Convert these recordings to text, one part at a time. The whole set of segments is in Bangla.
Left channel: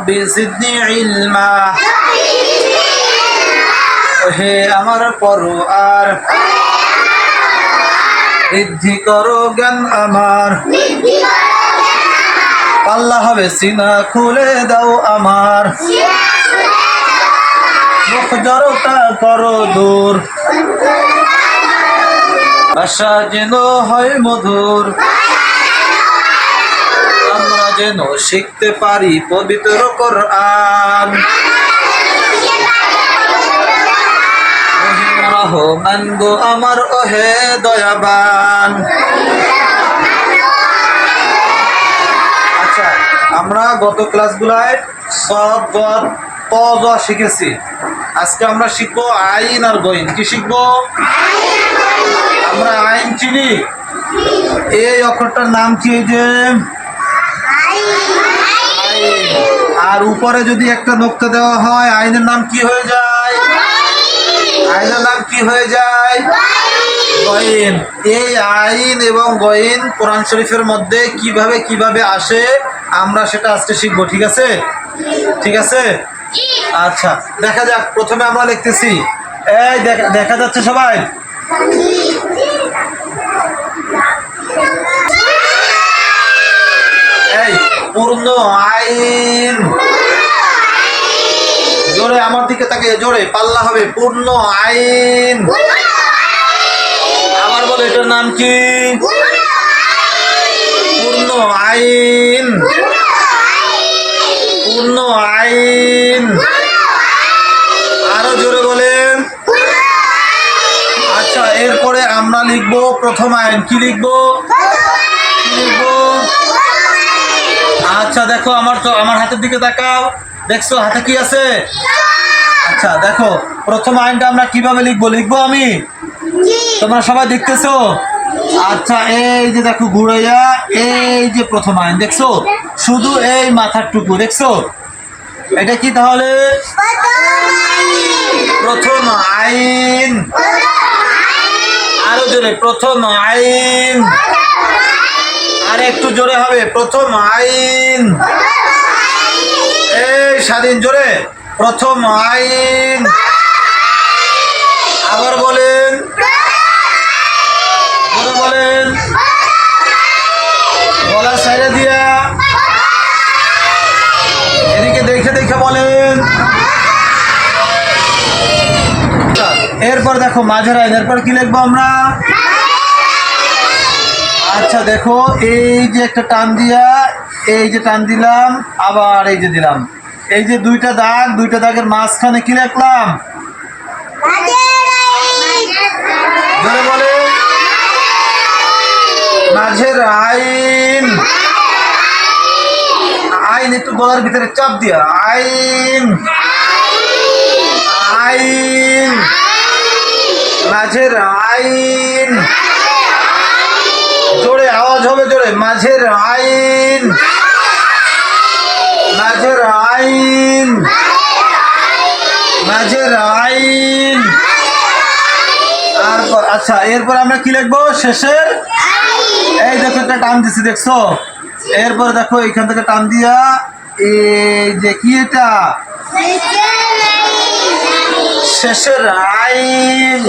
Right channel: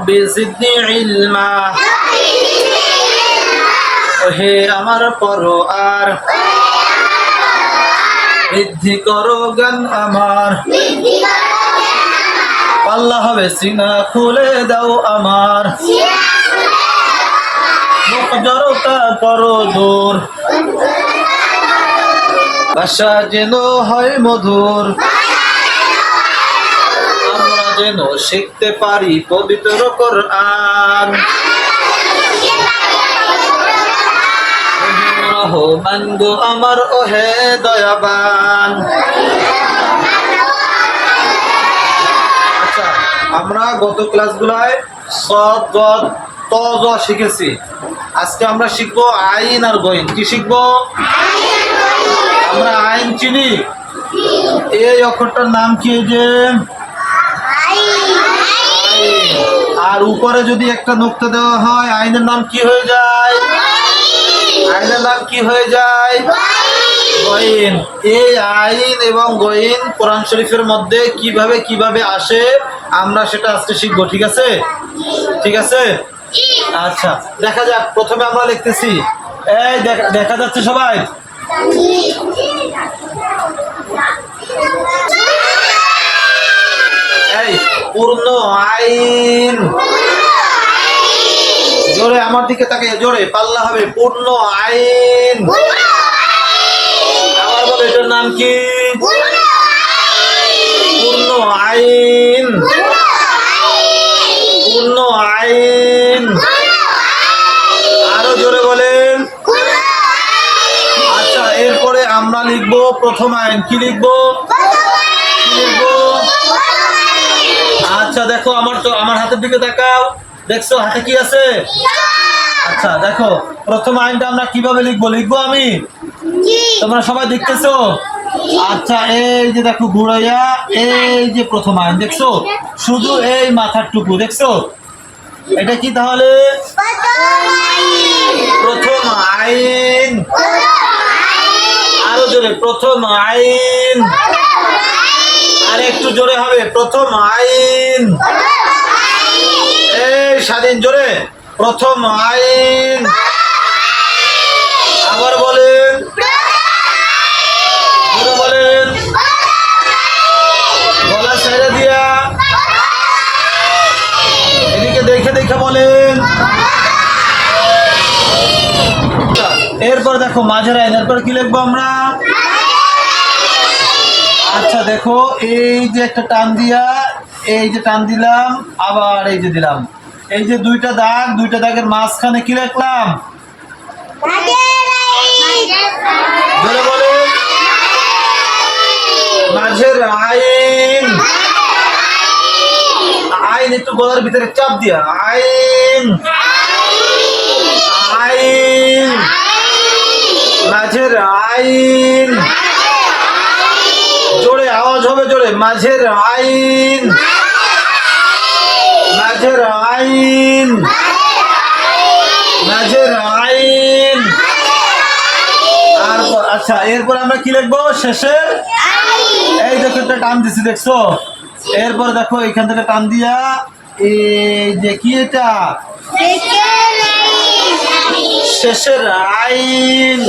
রব্বি জিদনি ইলমা। হে আমার পরো আর বৃদ্ধি করো জ্ঞান আমার। পাল্লা হবে, সিনা খুলে দাও আমার। মুখ জড়তা করো দূর। ভাষা যেন হয় মধুর। যেন শিখতে পারি পবিত্র কোরআন। রহমান গো আমার, ওহে দয়াবান। আচ্ছা আমরা গত ক্লাসগুলায় সদ গদ ত শিখেছি। আজকে আমরা শিখব আইন আর গইন। কি শিখব? আমরা আইন চিনি। এই অক্ষরটার নাম কি যে। আর উপরে যদি একটা নোক্তা দেওয়া হয়, আইনের নাম কি হয়ে যায়? আইনের নাম কি হয়ে যায়? গইন। এই আইন এবং গইন কোরআন শরীফের মধ্যে কীভাবে কীভাবে আসে, আমরা সেটা আজকে শিখব, ঠিক আছে? ঠিক আছে? আচ্ছা দেখা যাক। প্রথমে আমরা লিখতেছি। এই, দেখা দেখা যাচ্ছে সবাই? পূর্ণ আইন। জোরে আমার দিকে তাকে জোরে, পাল্লা হবে, পূর্ণ আইন। আবার বলে, এটার নাম কি? পূর্ণ আইন। পূর্ণ আইন। আরও জোরে বলেন আচ্ছা এরপরে আমরা লিখব প্রথম আইন। কি লিখব কি লিখব আচ্ছা দেখো আমার তো আমার হাতের দিকে তাকাও। দেখছ হাতে কি আছে? আচ্ছা দেখো প্রথম আইনটা আমরা কীভাবে লিখব? লিখব আমি? তোমরা সবাই দেখতেছো? আচ্ছা এই যে দেখো ঘুরাইয়া এই যে প্রথম আইন দেখছ? শুধু এই মাথার টুকু দেখছ? এটা কি তাহলে? প্রথম আইন। আরও জোরে প্রথম আইন। আর একটু জোরে হবে। প্রথম আইন। এই স্বাধীন, জোরে। প্রথম আইন। আবার বলেন। বলেন। গলা সাইডে দিয়া। এদিকে দেখে দেখে বলেন। এরপর দেখো মাঝের আইন। এরপর কি লিখব আমরা? আচ্ছা দেখো, এই যে একটা টান দিয়া, এই যে টান দিলাম, আবার এই যে দিলাম। এই যে দুইটা দাগ, দুইটা দাগের মাঝখানে কি বলে। মাঝের আইন। আইন একটু গলার ভিতরে চাপ দিয়া। আইন। আইন। মাঝের আইন। জোরে, আওয়াজ হবে জোরে। মাঝের আইন। মাঝের আইন। মাঝের আইন। তারপর আচ্ছা এরপর আমরা কি লিখব? শেষের? এই দেখো, একটা টান দিছি, দেখছ? এরপর দেখো, এখান থেকে টান দিয়া, এই যে কি এটা? শেষের আইন।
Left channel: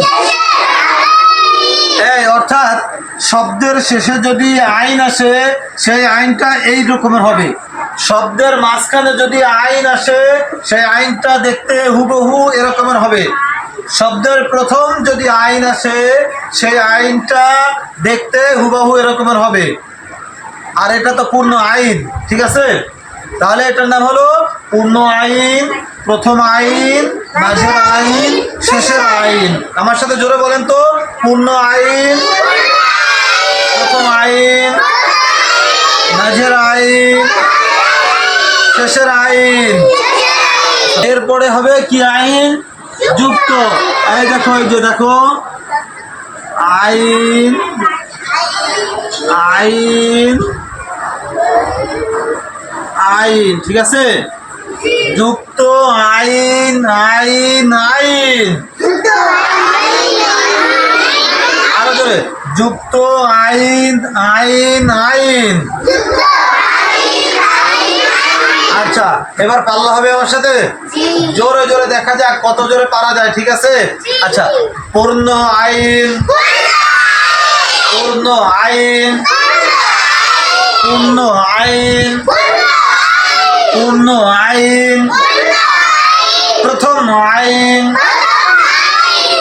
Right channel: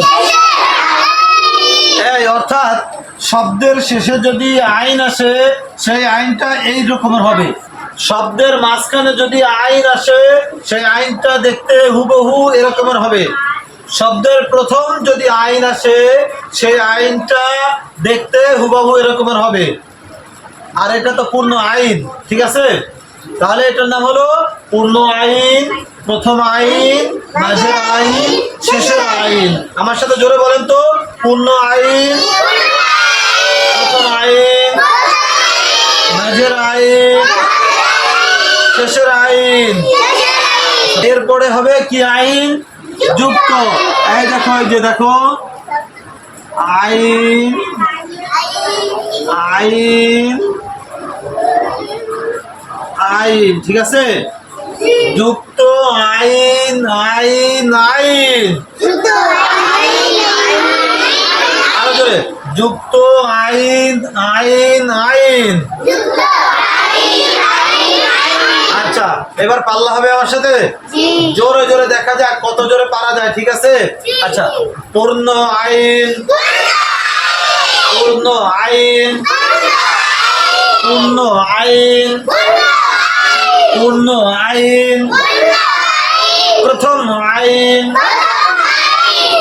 এই, অর্থাৎ শব্দের শেষে যদি আইন আসে, সেই আইনটা এই রকমের হবে। শব্দের মাঝখানে যদি আইন আসে, সেই আইনটা দেখতে হুবহু এরকমের হবে। শব্দের প্রথম যদি আইন আসে, সেই আইনটা দেখতে হুবহু এরকমের হবে। আর এটা তো পূর্ণ আইন, ঠিক আছে? তাহলে এটার নাম হলো পূর্ণ আইন, প্রথম আইন, মাঝের আইন, শেষের আইন। আমার সাথে জোরে বলেন তো, পূর্ণ আইন প্রথম আইন। মাঝের আইন। শেষের আইন। এরপরে হবে কি আইন? যুক্ত। এই দেখো, এই যে দেখো। আইন। আইন। আইন, ঠিক আছে? যুক্ত, আইন আইন আইন। যুক্ত আইন আইন আইন। আচ্ছা এবার পাল্লা হবে আমার সাথে? জোরে জোরে দেখা যাক কত জোরে পারা যায় ঠিক আছে? আচ্ছা পূর্ণ আইন। পূর্ণ আইন। পূর্ণ আইন। পূর্ণ আইন। প্রথম আইন।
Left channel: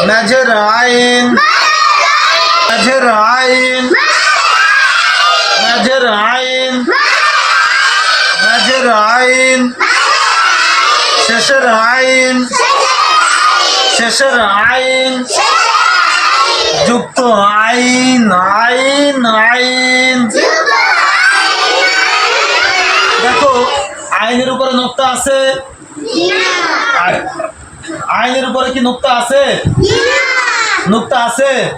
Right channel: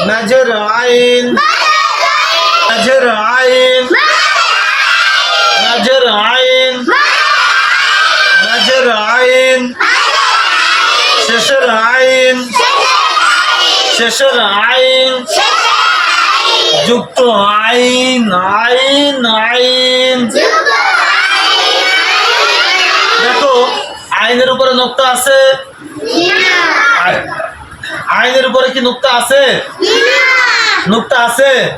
মেজর আইন। মেজর আইন। মেজর আইন। মেজর আইন। শেষের আইন। শেষের আইন। যুক্ত আইন আইন আইন। দেখো আইনের উপরে নোক্তা আছে? আই- আইনের উপরে কি নোক্তা আছে? নোক্তা আছে?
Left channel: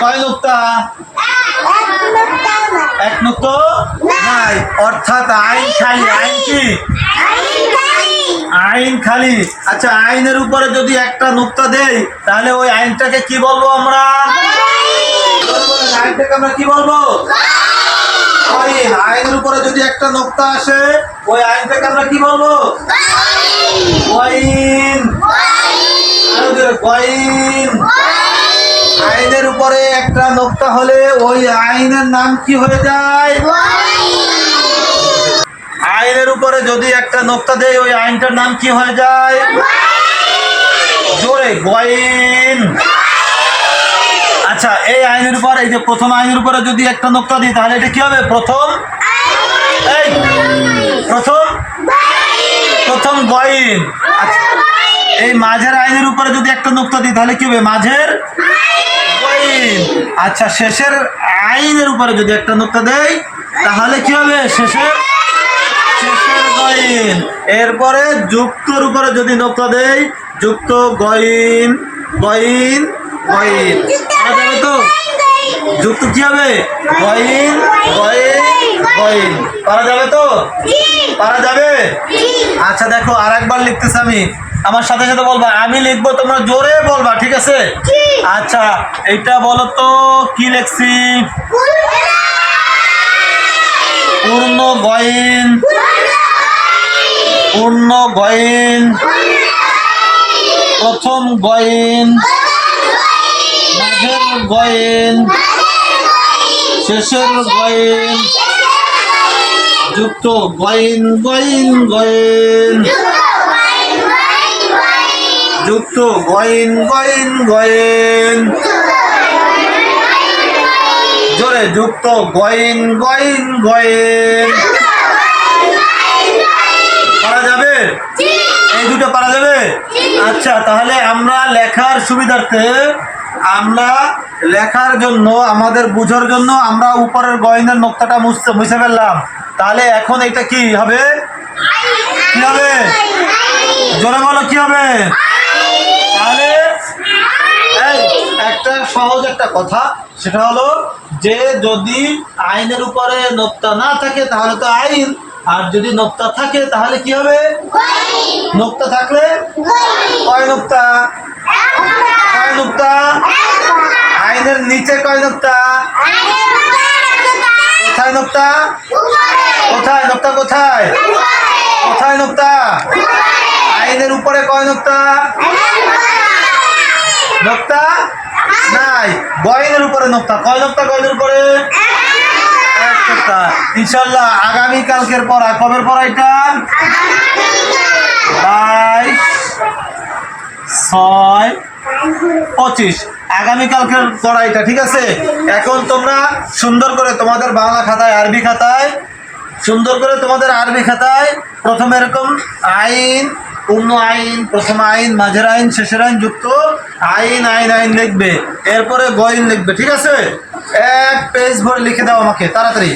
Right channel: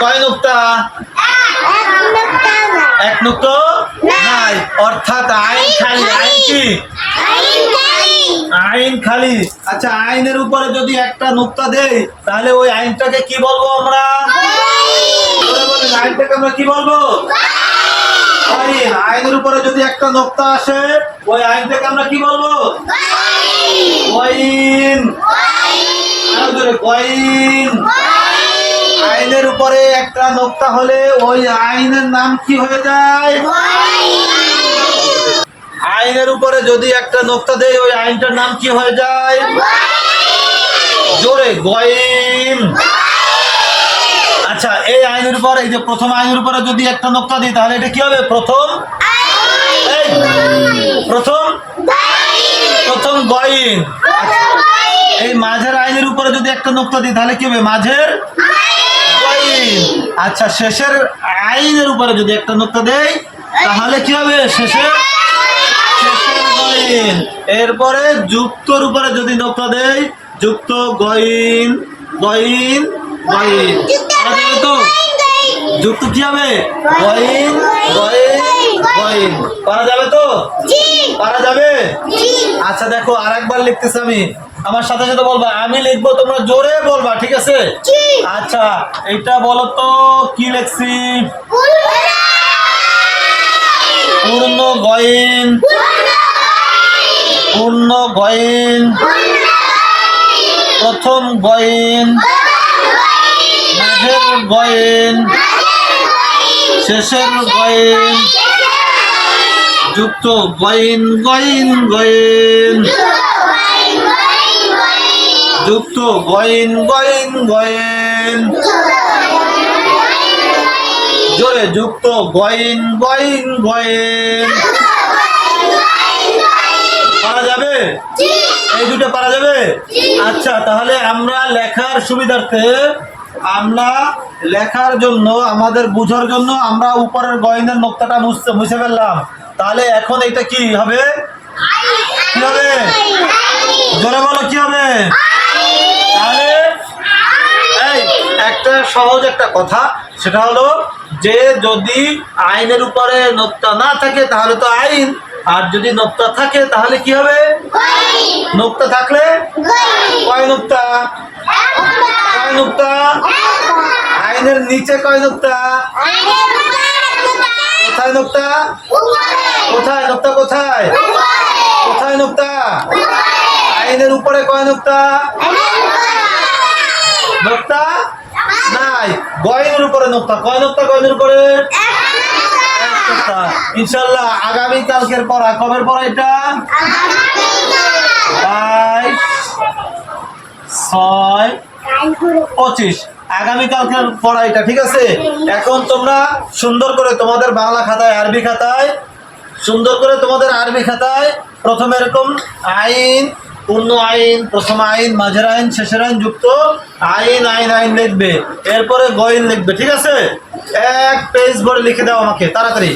কয় নোক্তা? এক নোক্ত নাই। অর্থাৎ আইন খালি। আইন কি? আইন খালি। আচ্ছা আইনের উপরে যদি একটা নোক্তা দেই তাহলে ওই আইনটাকে কি বলব আমরা? আইনটাকে আমরা কি বলব? আইন আইনের উপরে যদি একটা নোক্তা আসে ওই আইনটাকে আমরা কি বলব? জোরে, ওয়াইন আইনের উপরে একটা নোক্তা হলে ওই আইনের নাম কি হয়ে যায়? আইনের উপরে যদি একটা নোক্তা দেয় ওই আইনটার নাম কি হয়ে যায়? জোরে গয়িন আচ্ছা এই আইনের উপর এই যে প্রথম আইনের উপরে যদি একটা নোক্তা দিই তাহলে এটা কি হবে? প্রথম? প্রথম? প্রথম গয়িন আচ্ছা, এই মাঝের আইনের উপরে যদি একটা নোক্তা দিই তাহলে কি হবে? মাঝের আচ্ছা শেষের আইনের উপরে যদি একটা নোক্তা দেই তাহলে কি হবে? শেষের শেষের এরপরে যুক্তর উপরে যদি নোক্তা দেই যুক্ত গয়িন গয়িন করা যাবে তো? যুক্ত কি হবে? গয়িন গয়িন গয়িন করা যাবে তো? পারা যাবে? আচ্ছা দেখো আর একবার লিখতেছি আমি। আমার সাথে সাথে বলবা আমি লিখব তোমরা জোরে বলবা ঠিক আছে? আচ্ছা এটা বলো তো কি লিখছি? পূর্ণ গয়েন। পূর্ণ গয়িন। প্রথম গয়িন। মাঝের গয়িন। শেষের গয়িন। যুক্ত গয়িন গয়িন গয়িন। যুক্ত, গয়িন গয়িন, গয়েন। জোরে, যুক্ত, গয়িন গয়িন, গয়েন। পারা যাবে? এই দুটো পারা যাবে? আচ্ছা তাহলে আমরা লেখার সুবিধার্থে, আমরা লেখার জন্য, আমাদের বুঝার জন্য আমরা উপরের গয়নের নোক্তাটা মুছতে মুছে ফেললাম। তাহলে এখন এটা কি হবে? কি হবে? জোরে বলো, কি হবে? তাহলে, এই, একটা সহজ একটা কথা, সেটা হলো যে যদি আইনের উপরে নোক্তা না থাকে, তাহলে তো আইন, আর যদি নোক্তা থাকে, তাহলে কি হবে? নোক্তা থাকলে? কয় নোক্তা? কয় নোক্তা? আইনের নিচে কয় নোক্তা? কোথায় নোক্তা? কোথায়? নোক্তা কোথায়? কোথায় নোক্তা? আইনের উপরে কয় নোক্তা? নোক্তা? নাই। গয়নের উপরে নোক্তা। কয় নোক্তা গয়নের উপরে? ইনশাল্লাহ আগামী কালকের পড়া কবের পড়া এটা? বাইশ, ছয়, পঁচিশ। আগামীকালকের পড়াইটা ঠিক আছে? এখন তোমরা সুন্দর করে তোমাদের বাংলা খাতায়, আরবি খাতায়, সুন্দর করে তোমাদের আরবি খাতায় প্রথমে এরকম আইন পূর্ণ আইন, প্রথম আইন, মাঝের আইন, শেষের আইন যুক্ত, আইন আইন আইন লিখবে। এরপরে গইন লিখবে, ঠিক আছে? এক পেজ ভরে লিখে দাও আমাকে, তাড়াতাড়ি।